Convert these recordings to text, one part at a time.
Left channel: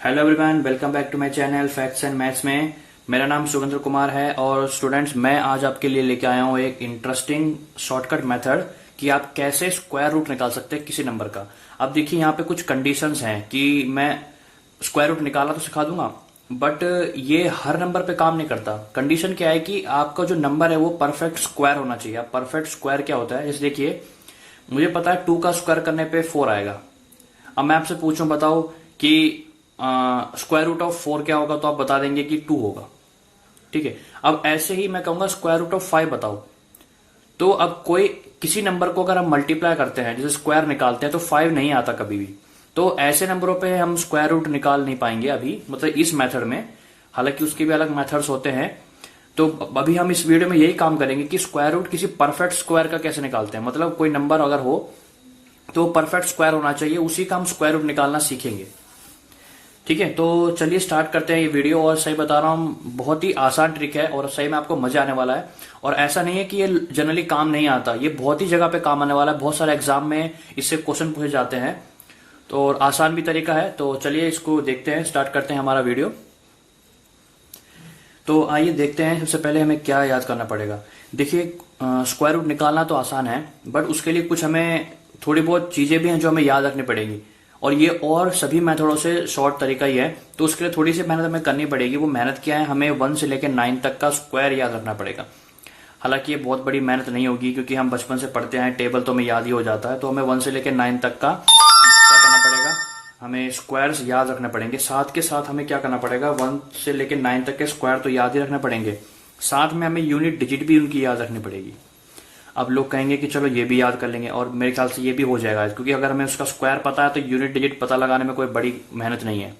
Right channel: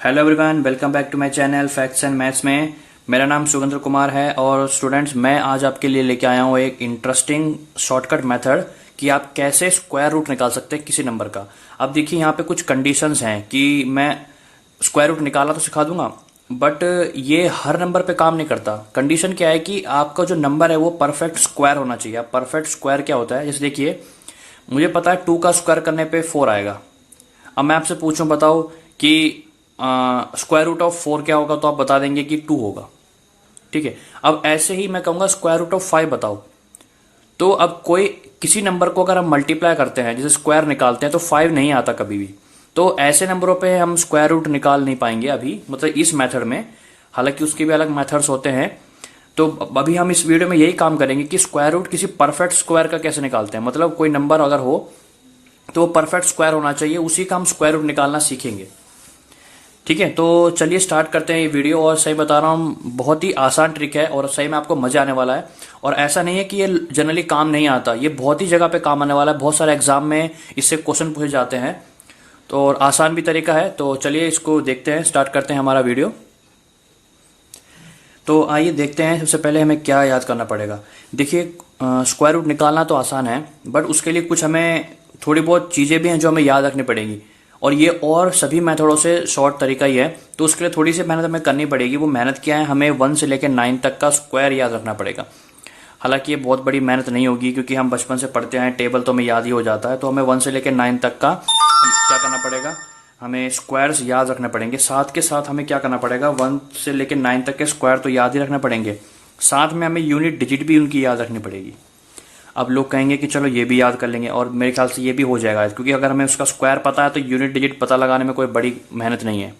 Hello everyone, welcome back to my channel facts and maths में। मेरा नाम सुरेंद्र कुमार है और स्टूडेंट्स मैं आज आपके लिए लेके आया हूँ एक इंटरेस्टिंग शॉर्टकट मेथड कि आप कैसे स्क्वायर रूट निकाल सकते हैं किसी नंबर का। अब देखिए यहाँ पे कुछ कंडीशंस हैं कि मैं स्क्वायर रूट निकाला तो सिखा दूंगा, बट ये हर नंबर पे काम नहीं करता। कंडीशन क्या है कि आपका जो नंबर है वो परफेक्ट स्क्वायर होना चाहिए। अब परफेक्ट स्क्वायर क्या होता है, जैसे देखिए मुझे पता है 2 का स्क्वायर करने पे 4 आएगा। अब मैं आपसे पूछूं, बताओ कि स्क्वायर रूट ऑफ 4 क्या होगा, तो आप बता देंगे कि 2 होगा। ठीक है। अब ऐसे ही मैं कहूंगा स्क्वायर रूट ऑफ 5 बताओ, तो अब कोई किसी नंबर को अगर हम मल्टीप्लाई करते हैं जैसे स्क्वायर निकालते हैं तो 5 नहीं आता कभी भी। तो ऐसे नंबरों पे हम स्क्वायर रूट निकाल नहीं पाएंगे अभी, मतलब इस मेथड में। हालांकि उसके भी अलग मेथड्स होते हैं। तो अभी हम इस वीडियो में यही काम करेंगे कि स्क्वायर रूट किसी परफेक्ट स्क्वायर का कैसे निकालते हैं। मतलब कोई नंबर अगर हो तो वो परफेक्ट स्क्वायर होना चाहिए, उसी का हम स्क्वायर रूट निकालना सीखेंगे। ठीक है, तो चलिए स्टार्ट करते हैं ये वीडियो। और सही बता रहा हूँ, बहुत ही आसान ट्रिक है और सही में आपको मजा आने वाला है। और ऐसा नहीं है कि ये जनरली काम नहीं आता, ये बहुत ही जगह पे काम आने वाला है। बहुत सारे एग्जाम में इससे क्वेश्चन पूछे जाते हैं, तो और आसान भी तरीका है। तो चलिए इसको देखते हैं, स्टार्ट करते हैं हमारा वीडियो। तो आइए देखते हैं सबसे पहले हमें क्या याद करना पड़ेगा। देखिए स्क्वायर रूट निकालना तो आसान है, बट उसके लिए कुछ हमें थोड़ी बहुत चीजें भी हैं जो हमें याद रखनी पड़ेगी। और ये और सभी मेथडों से शॉर्ट तरीका ही है, तो उसके लिए थोड़ी सी मेहनत हमें करनी पड़ेगी। वो मेहनत क्या है, हमें 1 से लेकर 9 तक का स्क्वायर याद रखना पड़ेगा। हालांकि ये बहुत बड़ी मेहनत नहीं होगी, क्योंकि हम बचपन से पढ़ते हैं, टेबल तो हमें याद ही हो जाता है। तो हमें 1 से लेकर 9 तक का क्या करना पड़ेगा, हमें स्क्वायर्स याद रखने पड़ेंगे। साथ के साथ हमें क्या करना पड़ेगा, 1 से लेकर 9 तक के स्क्वायर तो याद ही रखना पड़ेंगे, साथ में हमें यूनिट डिजिट भी उनकी याद रखनी पड़ेगी। अब लोग कहेंगे कि चलो ये भी याद कर लेंगे, और मेरे ख्याल से ये भी हो जाएगा, क्योंकि अगर हमें उसका स्क्वायर पता है तो यूनिट डिजिट पता लगाने में कोई बड़ी मेहनत नहीं है।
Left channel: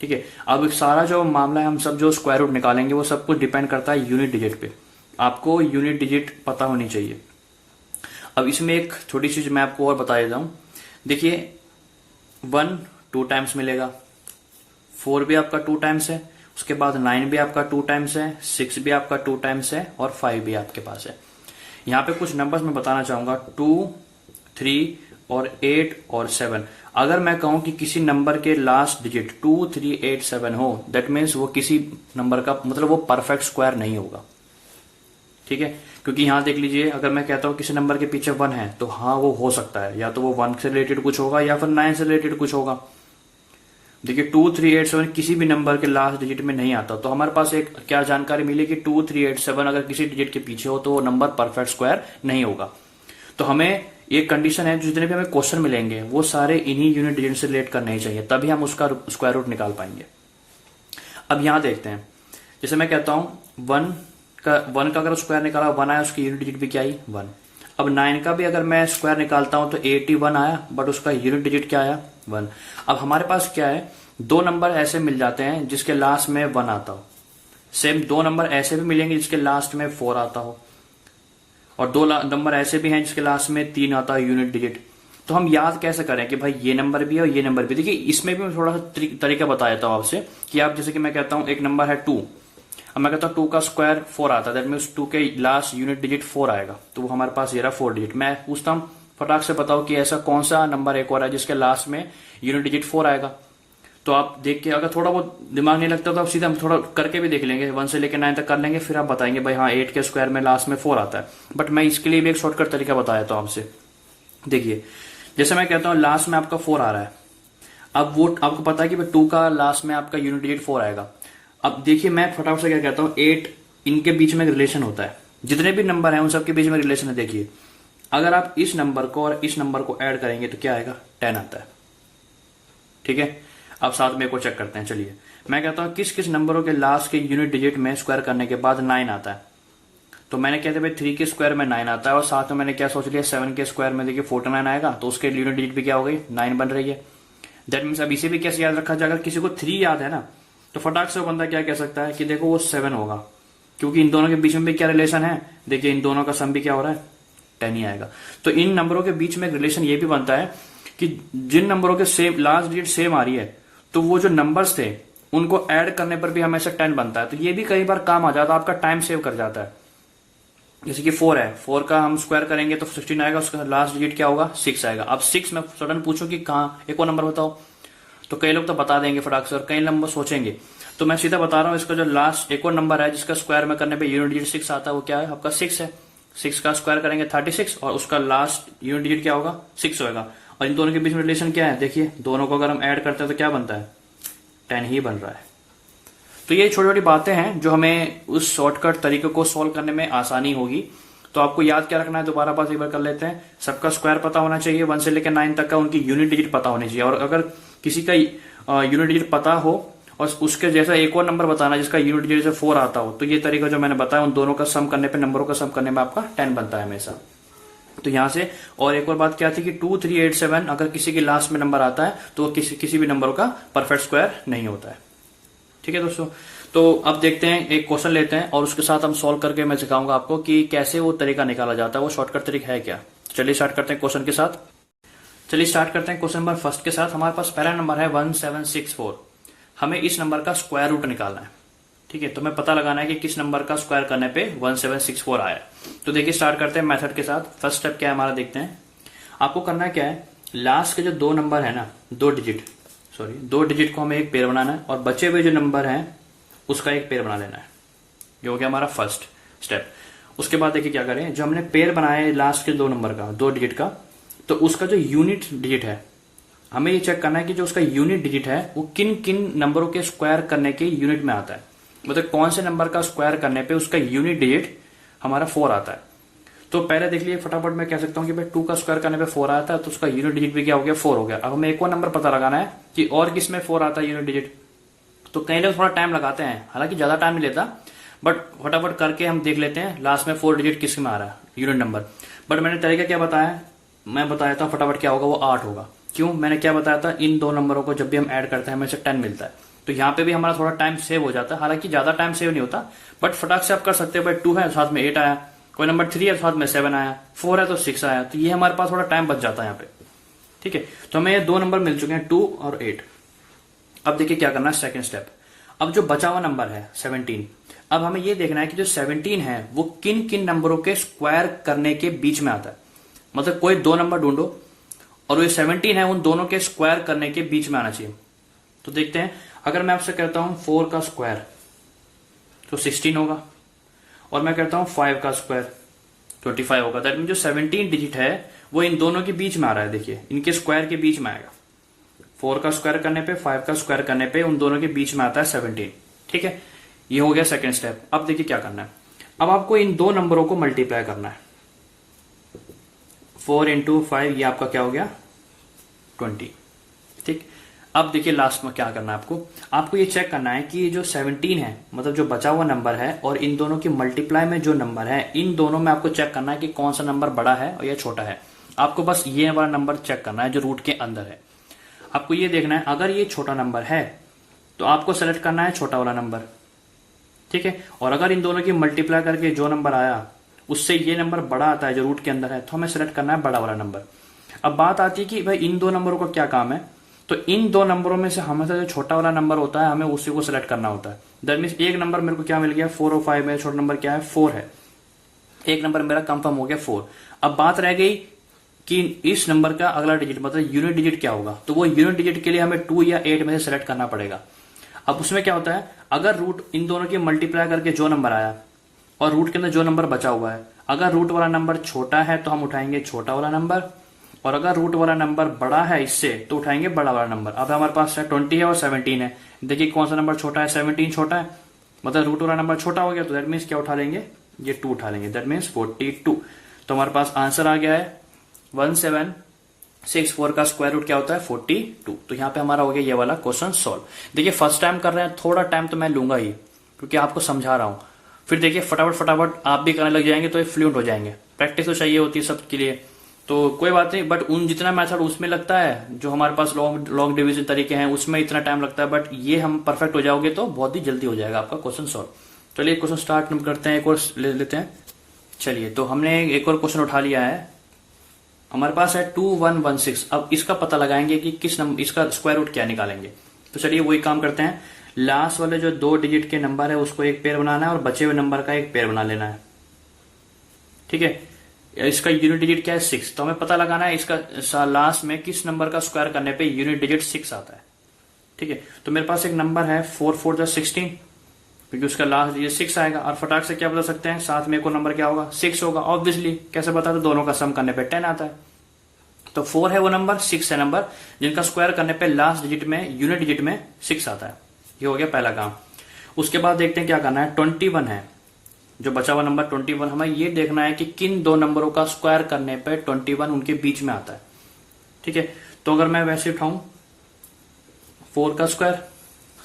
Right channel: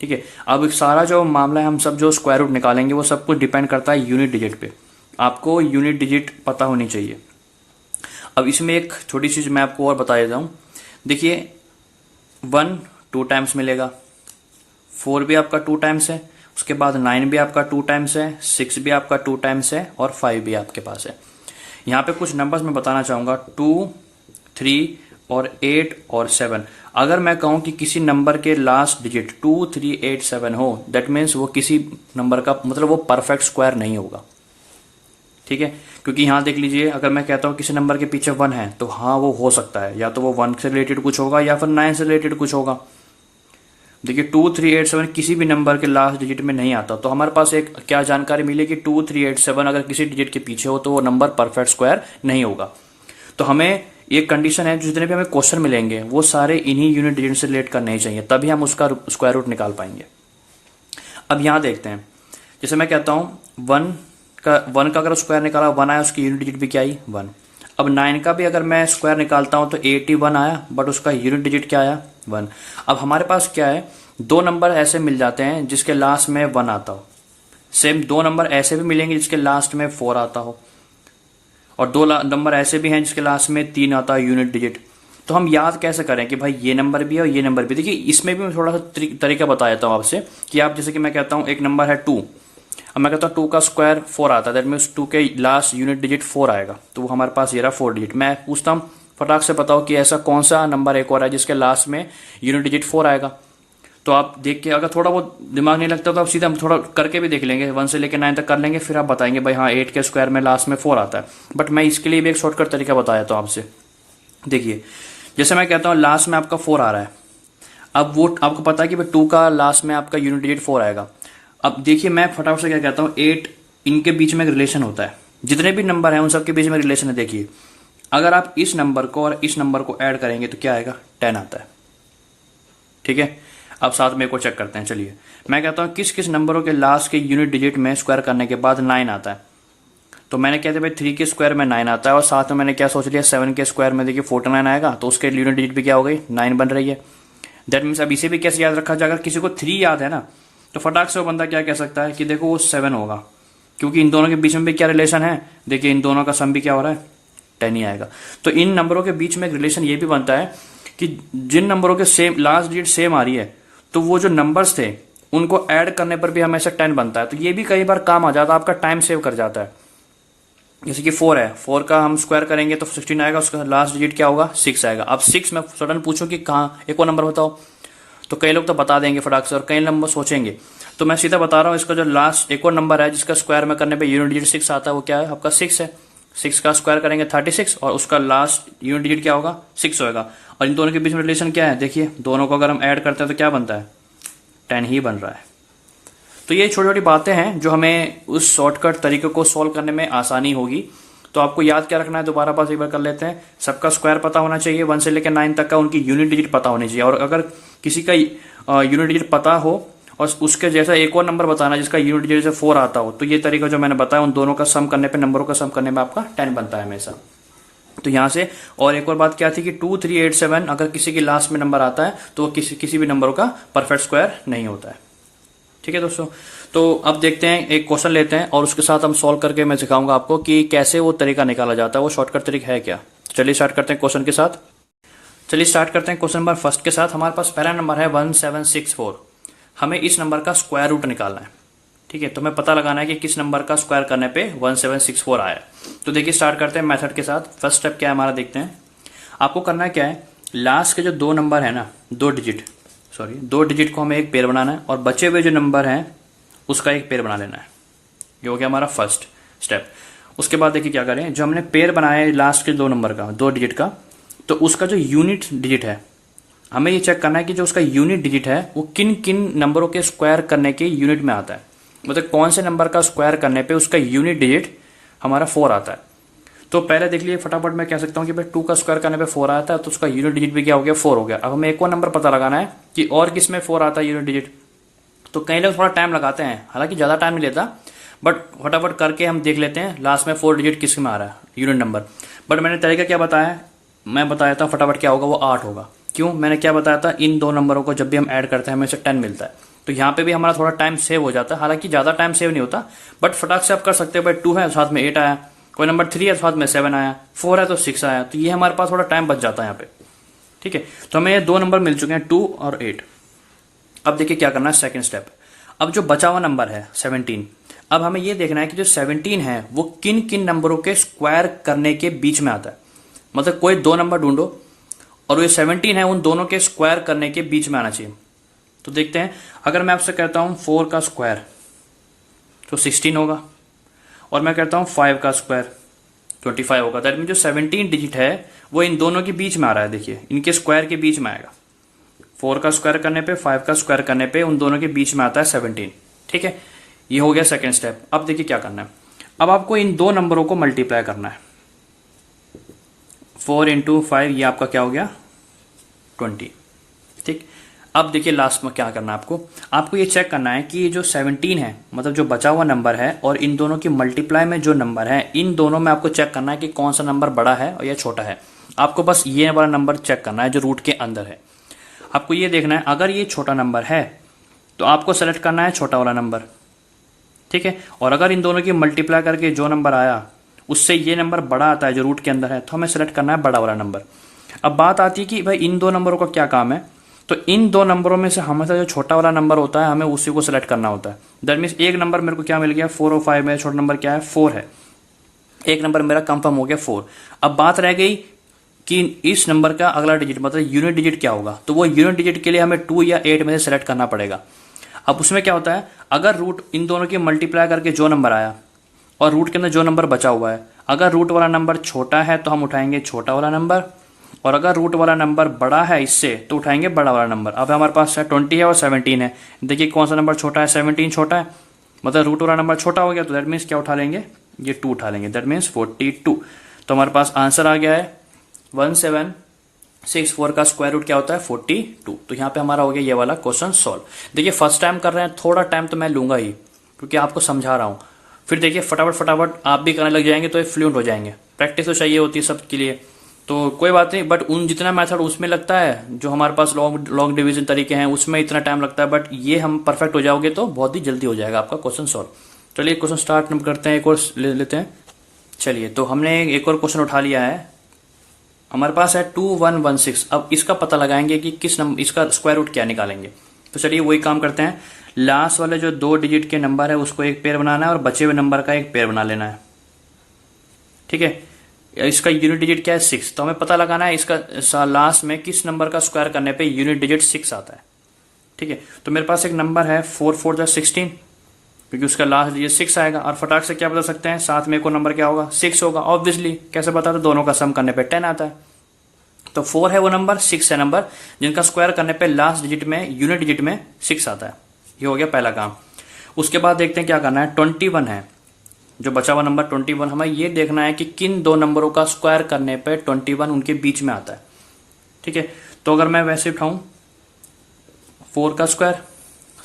ठीक है। अब सारा जो मामला है, हम सब जो स्क्वायर रूट निकालेंगे वो सब कुछ डिपेंड करता है यूनिट डिजिट पे। आपको यूनिट डिजिट पता होनी चाहिए। अब इसमें एक छोटी सी मैं आपको और बता देता हूँ। देखिए 1 2 टाइम्स मिलेगा, 4 भी आपका 2 टाइम्स है, उसके बाद 9 भी आपका 2 टाइम्स है, 6 भी आपका 2 टाइम्स है, और 5 भी आपके पास है। यहाँ पे कुछ नंबर्स मैं बताना चाहूंगा, 2 3 और 8 और 7। अगर मैं कहूं कि किसी नंबर के लास्ट डिजिट 2 3 8 7 हो, दैट मीन्स वो किसी नंबर का मतलब वो परफेक्ट स्क्वायर नहीं होगा। ठीक है, क्योंकि यहां देख लीजिए, अगर मैं कहता हूं किसी नंबर के पीछे 1 है तो हाँ वो हो सकता है, या तो वो 1 से रिलेटेड कुछ होगा या फिर 9 से रिलेटेड कुछ होगा। देखिए 2 3 8 7 किसी भी नंबर के लास्ट डिजिट में नहीं आता, तो हमारे पास एक क्या जानकारी मिली कि 2 3 8 7 अगर किसी डिजिट के पीछे हो तो वो नंबर परफेक्ट स्क्वायर नहीं होगा। तो हमें एक कंडीशन है, जितने भी हमें क्वेश्चन मिलेंगे वो सारे इन्हीं यूनिट डिजिट से रिलेट करने ही चाहिए, तभी हम उसका स्क्वायर रूट निकाल पाएंगे। अब यहां देखते हैं, जैसे मैं कहता हूं 1 का अगर स्क्वायर निकाला 1 आया, उसकी यूनिट डिजिट भी क्या आई 1। अब 9 का भी अगर मैं स्क्वायर निकालता हूं तो 81 आया, बट उसका यूनिट डिजिट क्या आया 1। अब हमारे पास क्या है, 2 नंबर ऐसे मिल जाते हैं जिसके लास्ट में 1 आता हो। सेम 2 नंबर ऐसे भी मिलेंगे जिसके लास्ट में 4 आता हो, और 2 नंबर ऐसे भी हैं जिसके लास्ट में 3 आता है यूनिट डिजिट। तो हम याद कैसे करें कि भाई ये नंबर भी है और ये नंबर भी। देखिए इसमें भी मैं थोड़ा सा तरीका बता देता हूं आपसे, कि आप जैसे कि मैं कहता हूं एक नंबर है 2, अब मैं कहता हूँ 2 का स्क्वायर 4 आता है, दैट मीन्स 2 के लास्ट यूनिट डिजिट 4 आएगा, तो वो हमारे पास ये रहा 4 डिजिट। मैं पूछता हूँ फटाक से बताओ कि ऐसा कौन सा नंबर एक और है जिसके लास्ट में यूनिट डिजिट 4 आएगा। तो आप देख के, अगर थोड़ा बहुत दिमाग नहीं लगता तो आप सीधा हम थोड़ा करके भी देख लेंगे, 1 से लेकर 9 तक कर लेंगे, फिर आप बताएंगे भाई हाँ 8 के स्क्वायर में लास्ट में 4 आता है। बट मैं इसके लिए भी एक शॉर्टकट तरीका बताया था आपसे। देखिए जैसे मैं कहता हूँ लास्ट में आपका 4 आ रहा है, अब वो आपको पता है कि 2 का लास्ट में आपका यूनिट डिजिट 4 आएगा। अब देखिए मैं फटाफट से क्या कहता हूँ, 8 इनके बीच में एक रिलेशन होता है, जितने भी नंबर हैं उन सबके बीच में रिलेशन है। देखिए अगर आप इस नंबर को और इस नंबर को ऐड करेंगे तो क्या आएगा 10 आता है। ठीक है, अब साथ में एक और चेक करते हैं। चलिए मैं कहता हूं किस किस नंबरों के लास्ट के यूनिट डिजिट में स्क्वायर करने के बाद 9 आता है। तो मैंने कहते भाई 3 के स्क्वायर में 9 आता है, और साथ में मैंने क्या सोच लिया 7 के स्क्वायर में देखिए 49 आएगा, तो उसके यूनिट डिजिट भी क्या हो गई 9 बन रही है। दैट मीन्स अब इसे भी कैसे याद रखा जाएगा, किसी को 3 याद है ना, तो फटाक से वो बंदा क्या कह सकता है कि देखो वो 7 होगा, क्योंकि इन दोनों के बीच में भी क्या रिलेशन है, देखिए इन दोनों का सम भी क्या हो रहा है 10 ही आएगा। तो इन नंबरों के बीच में एक रिलेशन ये भी बनता है कि जिन नंबरों के सेम लास्ट डिजिट सेम आ रही है, तो वो जो नंबर्स थे उनको ऐड करने पर भी हमेशा 10 बनता है। तो ये भी कई बार काम आ जाता है, आपका टाइम सेव कर जाता है। जैसे कि 4 है, 4 का हम स्क्वायर करेंगे तो 16 आएगा, उसका लास्ट डिजिट क्या होगा 6 आएगा। अब 6 में सडन पूछूं कि कहाँ एक और नंबर बताओ, तो कई लोग तो बता देंगे फटाक से और कई नंबर सोचेंगे। तो मैं सीधा बता रहा हूँ, इसका जो लास्ट एक और नंबर है जिसका स्क्वायर में करने पे यूनिट डिजिट 6 आता है, वो क्या है आपका 6 है। 6 का स्क्वायर करेंगे 36 और उसका लास्ट यूनिट डिजिट क्या होगा 6 होगा। और इन दोनों के बीच में रिलेशन क्या है, देखिए दोनों को अगर हम ऐड करते हैं तो क्या बनता है 10 ही बन रहा है। तो ये छोटी छोटी बातें हैं जो हमें उस शॉर्टकट तरीके को सॉल्व करने में आसानी होगी। तो आपको याद क्या रखना है, दोबारा पास एक बार कर लेते हैं। सबका स्क्वायर पता होना चाहिए, 1 से लेकर 9 तक का उनकी यूनिट डिजिट पता होनी चाहिए। और अगर किसी का यूनिट डिजिट पता हो और उसके जैसा एक और नंबर बताना जिसका यूनिट डिजिट से 4 आता हो, तो ये तरीका जो मैंने बताया उन दोनों का सम करने पे, नंबरों का सम करने में आपका 10 बनता है हमेशा। तो यहां से और एक और बात क्या थी कि 2, 3, 8, 7 अगर किसी के लास्ट में नंबर आता है तो किसी भी नंबर का परफेक्ट स्क्वायर नहीं होता है। ठीक है दोस्तों, तो अब देखते हैं, एक क्वेश्चन लेते हैं और उसके साथ हम सॉल्व करके मैं सिखाऊंगा आपको कि कैसे वो तरीका निकाला जाता है, वो शॉर्टकट तरीका है क्या। चलिए स्टार्ट करते हैं क्वेश्चन के साथ। चलिए स्टार्ट करते हैं क्वेश्चन नंबर फर्स्ट के साथ। हमारे पास पहला नंबर है 1764। हमें इस नंबर का स्क्वायर रूट निकालना है। ठीक है, तो हमें पता लगाना है कि किस नंबर का स्क्वायर करने पे 1764 आया। तो देखिए स्टार्ट करते हैं मेथड के साथ। फर्स्ट स्टेप क्या है हमारा, देखते हैं। आपको करना है क्या है, लास्ट के जो 2 नंबर है ना, 2 डिजिट को हमें एक पेयर बनाना है और बचे हुए जो नंबर हैं उसका एक पेयर बना लेना है। ये हो गया हमारा फर्स्ट स्टेप। उसके बाद देखिए क्या करें, जो हमने पेयर बनाया है लास्ट के 2 नंबर का, 2 डिजिट का, तो उसका जो यूनिट डिजिट है हमें ये चेक करना है कि जो उसका यूनिट डिजिट है वो किन किन नंबरों के स्क्वायर करने के यूनिट में आता है। मतलब कौन से नंबर का स्क्वायर करने पे उसका यूनिट डिजिट हमारा 4 आता है। तो पहले देख लिए फटाफट, मैं कह सकता हूं कि भाई 2 का स्क्वायर करने पे 4 आता है, तो उसका यूनिट डिजिट भी क्या हो गया 4 हो गया। अब हमें एक और नंबर पता लगाना है कि और किस में 4 आता है यूनिट डिजिट। तो कई लोग थोड़ा टाइम लगाते हैं, हालांकि ज्यादा टाइम नहीं लेता, बट फटाफट करके हम देख लेते हैं लास्ट में 4 डिजिट किस में आ रहा है यूनिट नंबर। बट मैंने तरीका क्या बताया, मैं बताया था फटाफट क्या होगा, वो 8 होगा। क्यों, मैंने क्या बताया था, इन 2 नंबरों को जब भी हम ऐड करते हैं हमें से 10 मिलता है। तो यहाँ पे भी हमारा थोड़ा टाइम सेव हो जाता है, हालांकि ज्यादा टाइम सेव नहीं होता, बट फटाक से आप कर सकते हैं। भाई 2 है साथ में 8 आया, कोई नंबर 3 है साथ में 7 आया, 4 है तो 6 आया, तो ये हमारे पास थोड़ा टाइम बच जाता है यहाँ पे। ठीक है, तो हमें ये 2 नंबर मिल चुके हैं 2 और 8। अब देखिए क्या करना है, सेकेंड स्टेप। अब जो बचा हुआ नंबर है 17, अब हमें ये देखना है कि जो 17 है वो किन किन नंबरों के स्क्वायर करने के बीच में आता है। मतलब कोई 2 नंबर ढूंढो और ये 17 है उन दोनों के स्क्वायर करने के बीच में आना चाहिए। तो देखते हैं, अगर मैं आपसे कहता हूं 4 का स्क्वायर तो 16 होगा, और मैं कहता हूं 5 का स्क्वायर 25 होगा। दैट मीन जो 17 डिजिट है वो इन दोनों के बीच में आ रहा है। देखिए इनके स्क्वायर के बीच में आएगा, 4 का स्क्वायर करने पे 5 का स्क्वायर करने पे उन दोनों के बीच में आता है 17। ठीक है, ये हो गया सेकेंड स्टेप। अब देखिए क्या करना है, अब आपको इन 2 नंबरों को मल्टीप्लाई करना है। 4 इंटू 5 ये आपका क्या हो गया 20। ठीक, अब देखिए लास्ट में क्या करना है, आपको ये चेक करना है कि जो 17 है मतलब जो बचा हुआ नंबर है और इन दोनों की मल्टीप्लाई में जो नंबर है, इन दोनों में आपको चेक करना है कि कौन सा नंबर बड़ा है और या छोटा है। आपको बस ये वाला नंबर चेक करना है जो रूट के अंदर है। आपको ये देखना है, अगर ये छोटा नंबर है तो आपको सेलेक्ट करना है छोटा वाला नंबर। ठीक है, और अगर इन दोनों की मल्टीप्लाई करके जो नंबर आया उससे ये नंबर बड़ा आता है जो रूट के अंदर है, तो हमें सेलेक्ट करना है बड़ा वाला नंबर। अब बात आती है कि भाई इन 2 नंबरों का क्या काम है, तो इन 2 नंबरों में से हमेशा जो छोटा वाला नंबर होता है हमें उसी को सिलेक्ट करना होता है। दैट मीन्स एक नंबर मेरे को क्या मिल गया 4 और 5 में छोटा नंबर क्या है 4 है, एक नंबर मेरा कंफर्म हो गया 4। अब बात रह गई कि इस नंबर का अगला डिजिट मतलब यूनिट डिजिट क्या होगा, तो वो यूनिट डिजिट के लिए हमें 2 या 8 में से सिलेक्ट करना पड़ेगा। अब उसमें क्या होता है, अगर रूट इन दोनों की मल्टीप्लाई करके जो नंबर आया और रूट के अंदर जो नंबर बचा हुआ है, अगर रूट वाला नंबर छोटा है तो हम उठाएंगे छोटा वाला नंबर, और अगर रूट वाला नंबर बड़ा है इससे तो उठाएंगे बड़ा वाला नंबर। अब हमारे पास 20 है और 17 है, देखिए कौन सा नंबर छोटा है, 17 छोटा है, मतलब रूट वाला नंबर छोटा हो गया, तो दैट मीन्स क्या उठा लेंगे, ये 2 उठा लेंगे, दैट मीन्स 42। तो हमारे पास आंसर आ गया है 1764 का स्क्वायर रूट क्या होता है 42। तो यहाँ पे हमारा हो गया ये वाला क्वेश्चन सॉल्व। देखिए फर्स्ट टाइम कर रहे हैं, थोड़ा टाइम तो मैं लूंगा ही क्योंकि आपको समझा रहा हूं, फिर देखिए फटाफट आप भी करने लग जाएंगे तो फ्लुएंट हो जाएंगे। प्रैक्टिस तो चाहिए होती है सबके लिए, तो कोई बात नहीं, बट उन जितना मेथड उसमें लगता है जो हमारे पास लॉन्ग डिवीजन तरीके हैं उसमें इतना टाइम लगता है, बट ये हम परफेक्ट हो जाओगे तो बहुत ही जल्दी हो जाएगा आपका क्वेश्चन सॉल्व। चलिए क्वेश्चन स्टार्ट करते हैं, एक और ले लेते हैं। चलिए तो हमने एक और क्वेश्चन उठा लिया है, हमारे पास है 2116। अब इसका पता लगाएंगे कि किस नंबर इसका स्क्वायर रूट क्या निकालेंगे। तो चलिए वही काम करते हैं, लास्ट वाले जो 2 डिजिट के नंबर है उसको एक पेयर बनाना है और बचे हुए नंबर का एक पेयर बना लेना है। ठीक है, इसका यूनिट डिजिट क्या है 6, तो हमें पता लगाना है इसका लास्ट में किस नंबर का स्क्वायर करने पे यूनिट डिजिट 6 आता है। ठीक है, तो मेरे पास एक नंबर है 4×4=16, क्योंकि उसका लास्ट डिजिट 6 आएगा। और फटाक से क्या बता सकते हैं, साथ में एक और नंबर क्या होगा, 6 होगा। ऑब्वियसली कैसे बता, तो दोनों का सम करने पे 10 आता है। तो 4 है वो नंबर, 6 है नंबर जिनका स्क्वायर करने पे लास्ट डिजिट में, यूनिट डिजिट में 6 आता है। ये हो गया पहला काम। उसके बाद देखते हैं क्या करना है। 21 है जो बचा हुआ नंबर 21, हमें ये देखना है कि किन दो नंबरों का स्क्वायर करने पे 21 उनके बीच में आता है। ठीक है, तो अगर मैं वैसे उठाऊं, 4 का स्क्वायर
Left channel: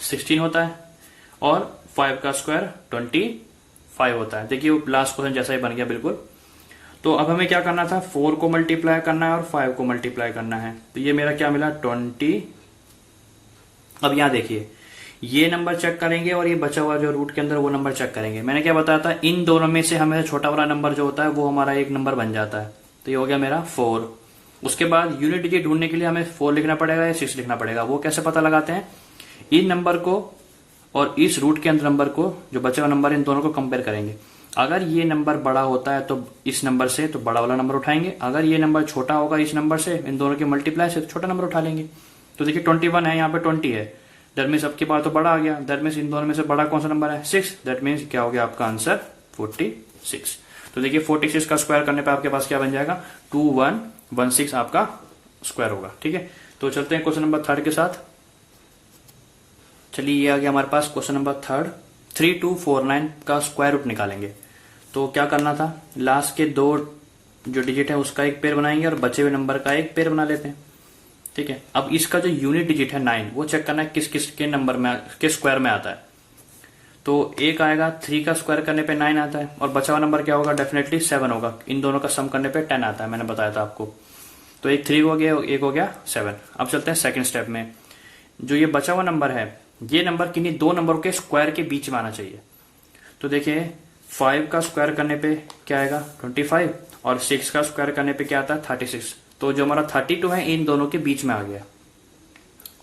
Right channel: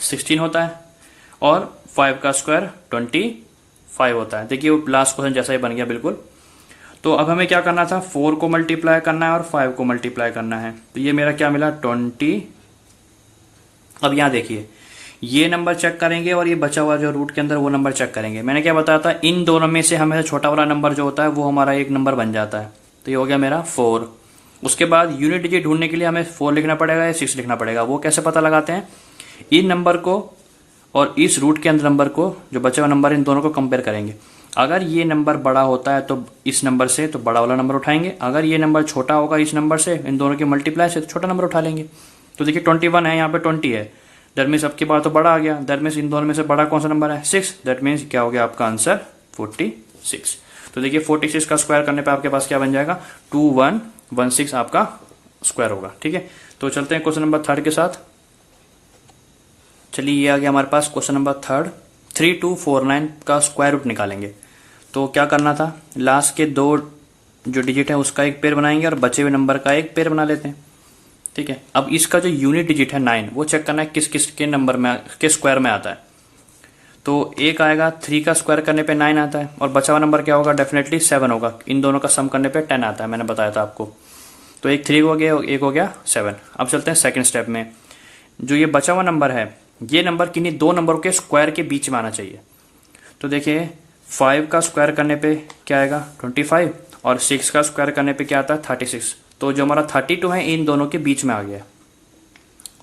16 होता है और 5 का स्क्वायर 25 होता है। देखिए वो लास्ट क्वेश्चन जैसा ही बन गया बिल्कुल। तो अब हमें क्या करना था, 4 को मल्टीप्लाई करना है और 5 को मल्टीप्लाई करना है। तो ये मेरा क्या मिला, 20। अब यहां देखिए, ये नंबर चेक करेंगे और ये बचा हुआ जो रूट के अंदर वो नंबर चेक करेंगे। मैंने क्या बताया था, इन दोनों में से हमें छोटा वाला नंबर जो होता है वो हमारा एक नंबर बन जाता है। तो ये हो गया मेरा 4। उसके बाद यूनिट डिजिट ढूंढने के लिए हमें 4 लिखना पड़ेगा या 6 लिखना पड़ेगा। वो कैसे पता लगाते हैं, इन नंबर को और इस रूट के अंदर नंबर को, जो बचा हुआ नंबर, इन दोनों को कंपेयर करेंगे। अगर ये नंबर बड़ा होता है तो इस नंबर से तो बड़ा वाला नंबर उठाएंगे, अगर ये नंबर छोटा होगा इस नंबर से, इन दोनों के मल्टीप्लाई से, तो छोटा नंबर उठा लेंगे। तो देखिए 21 है, यहाँ पे 20 है, दैट मीन्स अब की बार तो बड़ा आ गया। दैट मीन्स इन दोनों में से बड़ा कौन सा नंबर है, 6। दैट मीन्स क्या हो गया आपका आंसर 46। तो देखिए 46 का स्क्वायर करने पे आपके पास क्या बन जाएगा, 2116 आपका स्क्वायर होगा। ठीक है, तो चलते हैं क्वेश्चन नंबर 3 के साथ। चलिए ये आ गया हमारे पास क्वेश्चन नंबर 3। 3249 का स्क्वायर रूट निकालेंगे। तो क्या करना था, लास्ट के 2 जो डिजिट है उसका एक पेयर बनाएंगे और बचे हुए नंबर का एक पेयर बना लेते हैं। ठीक है, अब इसका जो यूनिट डिजिट है 9, वो चेक करना है किस किस के नंबर में, के स्क्वायर में आता है। तो एक आएगा, 3 का स्क्वायर करने पे 9 आता है और बचा हुआ नंबर क्या होगा, डेफिनेटली 7 होगा। इन दोनों का सम करने पे 10 आता है, मैंने बताया था आपको। तो एक 3 हो गया, एक हो गया 7। अब चलते हैं सेकंड स्टेप में। जो ये बचा हुआ नंबर है, ये नंबर किन्हीं दो नंबरों के स्क्वायर के बीच में आना चाहिए। तो देखिए 5 का स्क्वायर करने पे क्या आएगा, 25, और 6 का स्क्वायर करने पे क्या आता है, 36। तो जो हमारा 32 है इन दोनों के बीच में आ गया।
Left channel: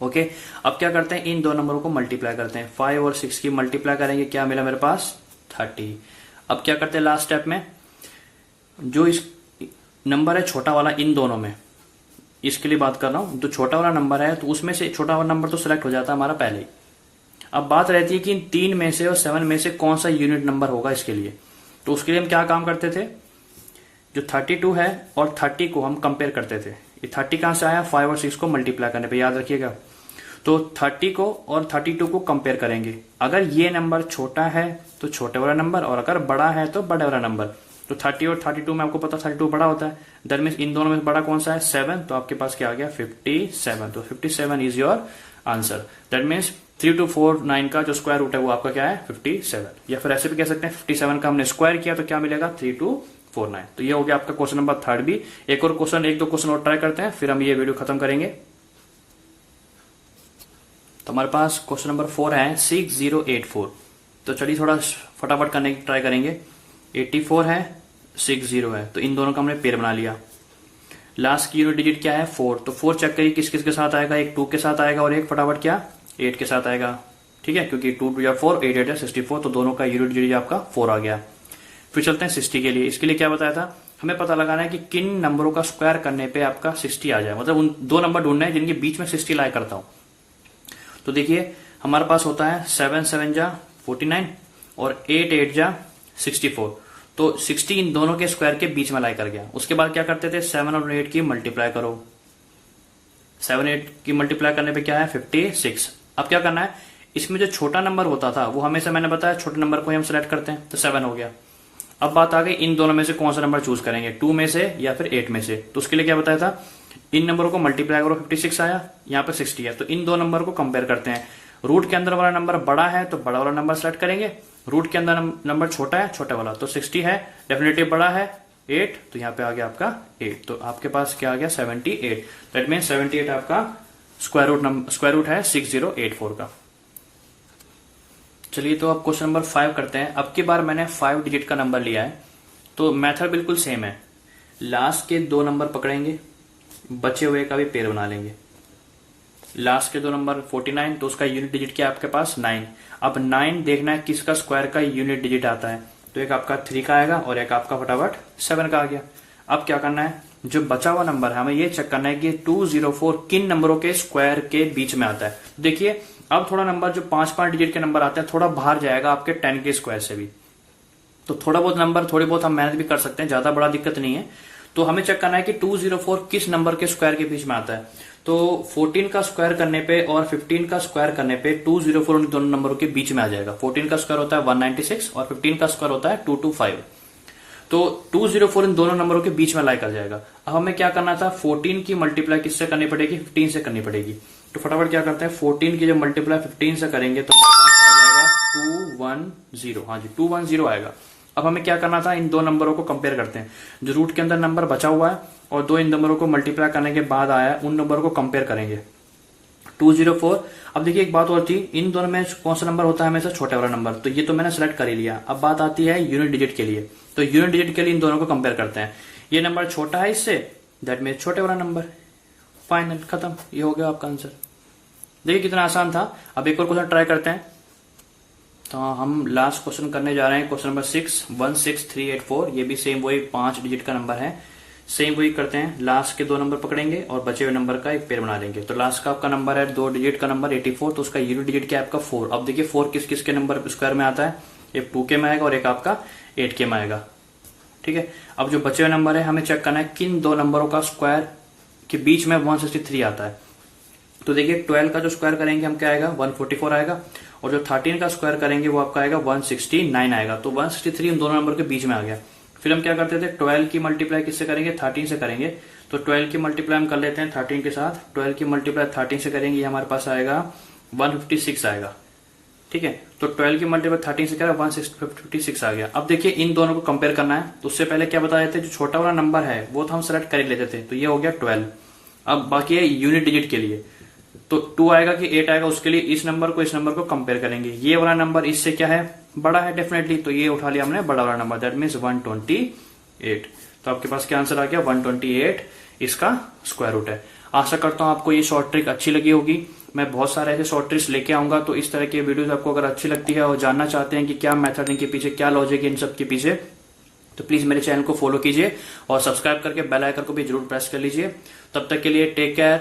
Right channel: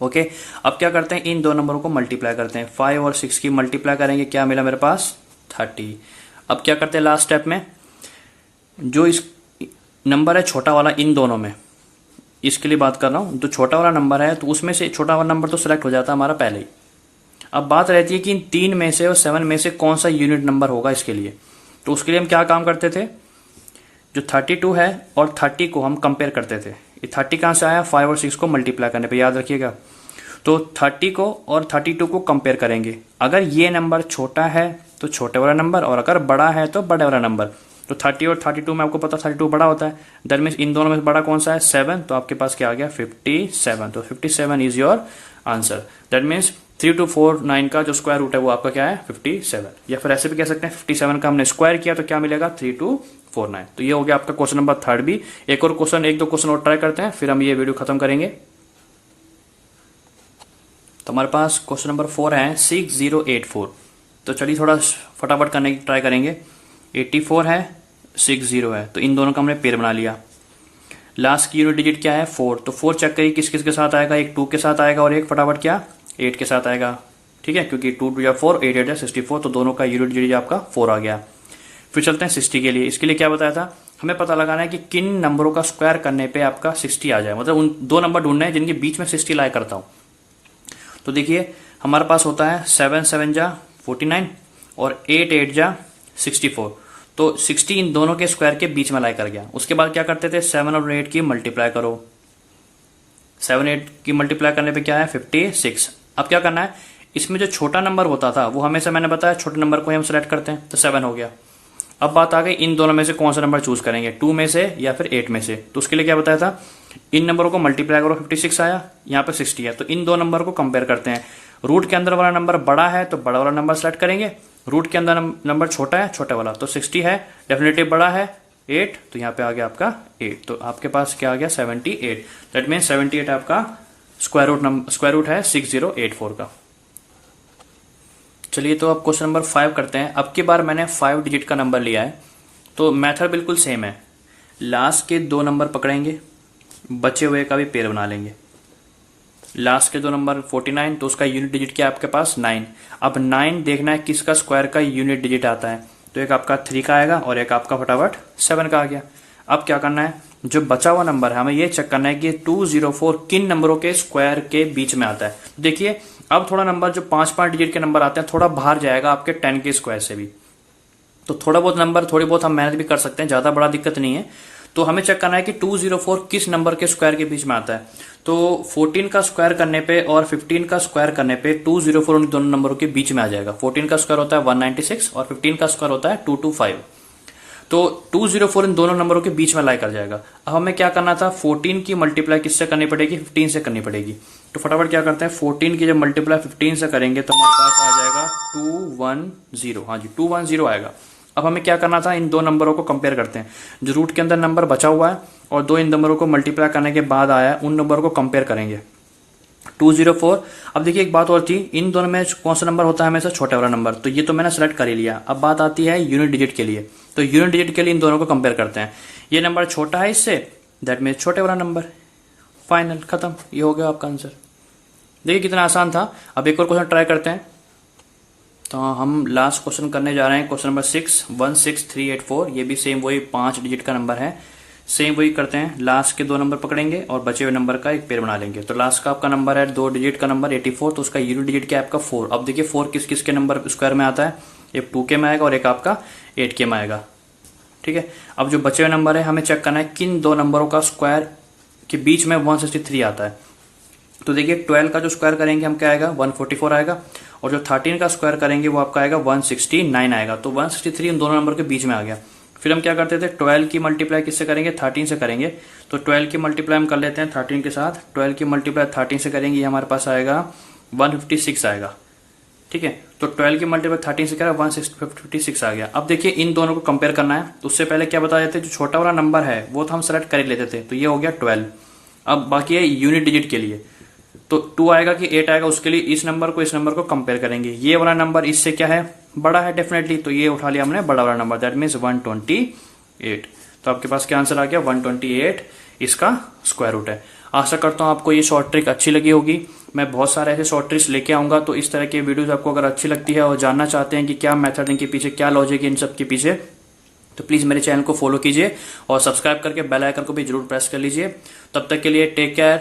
ओके, अब क्या करते हैं, इन दो नंबरों को मल्टीप्लाई करते हैं। 5 और 6 की मल्टीप्लाई करेंगे, क्या मिला मेरे पास, 30। अब क्या करते हैं लास्ट स्टेप में, जो इस नंबर है छोटा वाला इन दोनों में, इसके लिए बात कर रहा हूं, जो छोटा वाला नंबर है तो उसमें से छोटा वाला नंबर तो सिलेक्ट हो जाता है हमारा पहले ही। अब बात रहती है कि इन 3 में से और 7 में से कौन सा यूनिट नंबर होगा इसके लिए। तो उसके लिए हम क्या काम करते थे, जो 32 है और 30 को हम कंपेयर करते थे। ये 30 कहां से आया, 5 और 6 को मल्टीप्लाई करने पे, याद रखिएगा। तो 30 को और 32 को कंपेयर करेंगे। अगर ये नंबर छोटा है तो छोटे वाला नंबर, और अगर बड़ा है तो बड़े वाला नंबर। तो 30 और 32 में आपको पता 32 बड़ा होता है, दैट मीन्स इन दोनों में बड़ा कौन सा है, 7। तो आपके पास क्या आ गया, 57। तो 57 is your answer. That means 3249 का जो स्क्वायर रूट है वो आपका क्या है, 57। या फिर ऐसे भी कह सकते हैं 57 का हमने स्क्वायर किया तो क्या मिलेगा, 3249। तो ये हो गया आपका क्वेश्चन नंबर 3 भी। एक और क्वेश्चन, एक दो क्वेश्चन और ट्राई करते हैं, फिर हम ये वीडियो खत्म करेंगे। तो हमारे पास क्वेश्चन नंबर 4 है 6084। तो चलिए थोड़ा फटाफट करने की ट्राई करेंगे। 84 है, 60 है, तो इन दोनों का हमने पेयर बना लिया। लास्ट की यूनिट डिजिट क्या है, 4। तो 4 चेक करिए किस किस के साथ आएगा, एक 2 के साथ आएगा और एक फटाफट क्या, 8 के साथ आएगा। ठीक है, क्योंकि 2 2 4, 8 8 64, तो दोनों का यूनिट डिजिट आपका 4 आ गया। फिर चलते हैं 60 के लिए। इसके लिए क्या बताया था, हमें पता लगाना है कि किन नंबरों का स्क्वायर करने पे आपका 60 आ जाए। मतलब उन दो नंबर ढूंढने हैं जिनके बीच में 60 लाया करता हूं। तो देखिए हमारे पास होता है 7 7 जा 49 और 8 8 जा 64। तो 60 इन दोनों के स्क्वायर के बीच में लाई कर गया। उसके बाद क्या करते थे, 7 और 8 की मल्टीप्लाई करो। 7 8 की मल्टीप्लाई करने पे क्या है, 56। अब क्या करना है, इसमें जो छोटा नंबर होता था वो हमेशा मैंने बताया छोटे नंबर को हम सिलेक्ट करते हैं, तो 7 हो गया। अब बात आ गई इन दोनों में से कौन सा नंबर चूज करेंगे, 2 में से या फिर 8 में से। तो उसके लिए क्या बताया था, इन नंबरों को मल्टीप्लाई करो, 56 आया, यहाँ पे 60 है। तो इन दो नंबर को कंपेयर करते हैं। रूट के अंदर वाला नंबर बड़ा है तो बड़ा वाला नंबर सेलेक्ट करेंगे, रूट के अंदर नंबर छोटा है छोटा वाला। तो 60 है, डेफिनेटली बड़ा है 8, तो यहाँ पे आ गया आपका 8। तो आपके पास क्या आ गया, 78। दैट मीन 78 आपका स्क्वायर रूट है 6084 का। चलिए तो अब क्वेश्चन नंबर 5 करते हैं। अब की बार मैंने 5 डिजिट का नंबर लिया है, तो मेथड बिल्कुल सेम है। लास्ट के 2 नंबर पकड़ेंगे, बचे हुए का भी पेयर बना लेंगे। लास्ट के 2 नंबर 49, तो उसका यूनिट डिजिट क्या है आपके पास, 9। अब 9 देखना है किसका स्क्वायर का यूनिट डिजिट आता है। तो एक आपका 3 का आएगा और एक आपका फटाफट 7 का आ गया। अब क्या करना है, जो बचा हुआ नंबर है हमें ये चेक करना है कि 204 किन नंबरों के स्क्वायर के बीच में आता है। देखिए अब थोड़ा नंबर जो 5-5 डिजिट के नंबर आते हैं थोड़ा बाहर जाएगा आपके 10 के स्क्वायर से भी, तो थोड़ा बहुत नंबर थोड़ी बहुत हम मेहनत भी कर सकते हैं, ज्यादा बड़ा दिक्कत नहीं है। तो हमें चेक करना है कि 204 किस नंबर के स्क्वायर के बीच में आता है। तो 14 का स्क्वायर करने पे और 15 का स्क्वायर करने पे 204 उन दोनों नंबरों के बीच में आ जाएगा। 14 का स्क्वायर होता है 196 और 15 का स्क्वायर होता है 225। तो 204 इन दोनों नंबरों के बीच में लाई कर जाएगा। अब हमें क्या करना था, 14 की मल्टीप्लाई किससे करनी पड़ेगी, 15 से करनी पड़ेगी। तो फटाफट क्या करते हैं, 14 की जब मल्टीप्लाई 15 से करेंगे तो हमारे पास आ जाएगा 210। हाँ जी 210 आएगा। अब हमें क्या करना था, इन दो नंबरों को कंपेयर करते हैं। जो रूट के अंदर नंबर बचा हुआ है और दो इन नंबरों को मल्टीप्लाई करने के बाद आया है, उन नंबरों को कंपेयर करेंगे। 204। अब देखिए एक बात और थी, इन दोनों में कौन सा नंबर होता है हमेशा, छोटा वाला नंबर। तो ये तो मैंने सेलेक्ट कर ही लिया। अब बात आती है यूनिट डिजिट के लिए। तो यूनिट डिजिट के लिए इन दोनों को कंपेयर करते हैं। ये नंबर छोटा है इससे, दैट मीन छोटे वाला नंबर। फाइनल, खत्म, ये हो गया आपका आंसर। देखिए कितना आसान था। अब एक और क्वेश्चन ट्राई करते हैं। तो हम लास्ट क्वेश्चन करने जा रहे हैं, क्वेश्चन नंबर 6, 16384। ये भी सेम वही 5 डिजिट का नंबर है। सेम वही करते हैं, लास्ट के दो नंबर पकड़ेंगे और बचे हुए नंबर का एक पेयर बना लेंगे। तो लास्ट का आपका नंबर है 2 डिजिट का नंबर 84, तो उसका यूनिट डिजिट क्या है आपका 4। अब देखिए 4 किस किस के नंबर स्क्वायर में आता है, एक 2 के में आएगा और एक आपका 8 के में आएगा। ठीक है, अब जो बचे हुए नंबर है हमें चेक करना है किन दो नंबरों का स्क्वायर के बीच में 163 आता है। तो देखिए 12 का जो स्क्वायर करेंगे हम क्या आएगा, 144 आएगा, और जो 13 का स्क्वायर करेंगे वो आपका आएगा 169 आएगा। तो 163 इन दोनों नंबर के बीच में आ गया। फिर हम क्या करते थे, 12 की मल्टीप्लाई किससे करेंगे, 13 से करेंगे। तो 12 की मल्टीप्लाई हम कर लेते हैं 13 के साथ। 12 की मल्टीप्लाई 13 से करेंगे, ये हमारे पास आएगा 156 आएगा। ठीक है, तो 12 की मल्टीप्लाई 13 से करें 156 आ गया। अब देखिए इन दोनों को कंपेयर करना है। तो उससे पहले क्या बताया जाता है, जो छोटा वाला नंबर है वो तो हम सेलेक्ट कर ही लेते थे। तो ये हो गया 12। अब बाकी है यूनिट डिजिट के लिए। तो 2 आएगा कि 8 आएगा, उसके लिए इस नंबर को कंपेयर करेंगे। ये वाला नंबर इससे क्या है, बड़ा है डेफिनेटली, तो ये उठा लिया हमने बड़ा वाला नंबर, दैट मीन्स 128। तो आपके पास क्या आंसर आ गया, 128 इसका स्क्वायर रूट है। आशा करता हूं आपको ये शॉर्ट ट्रिक अच्छी लगी होगी। मैं बहुत सारे ऐसे शॉर्ट ट्रिक्स लेके आऊंगा। तो इस तरह के वीडियोस आपको अगर अच्छी लगती है और जानना चाहते हैं कि क्या मेथड इनके पीछे, क्या लॉजिक है इन सब के पीछे, तो प्लीज मेरे चैनल को फॉलो कीजिए और सब्सक्राइब करके बेल आइकन को भी जरूर प्रेस कर लीजिए। तब तक के लिए टेक केयर।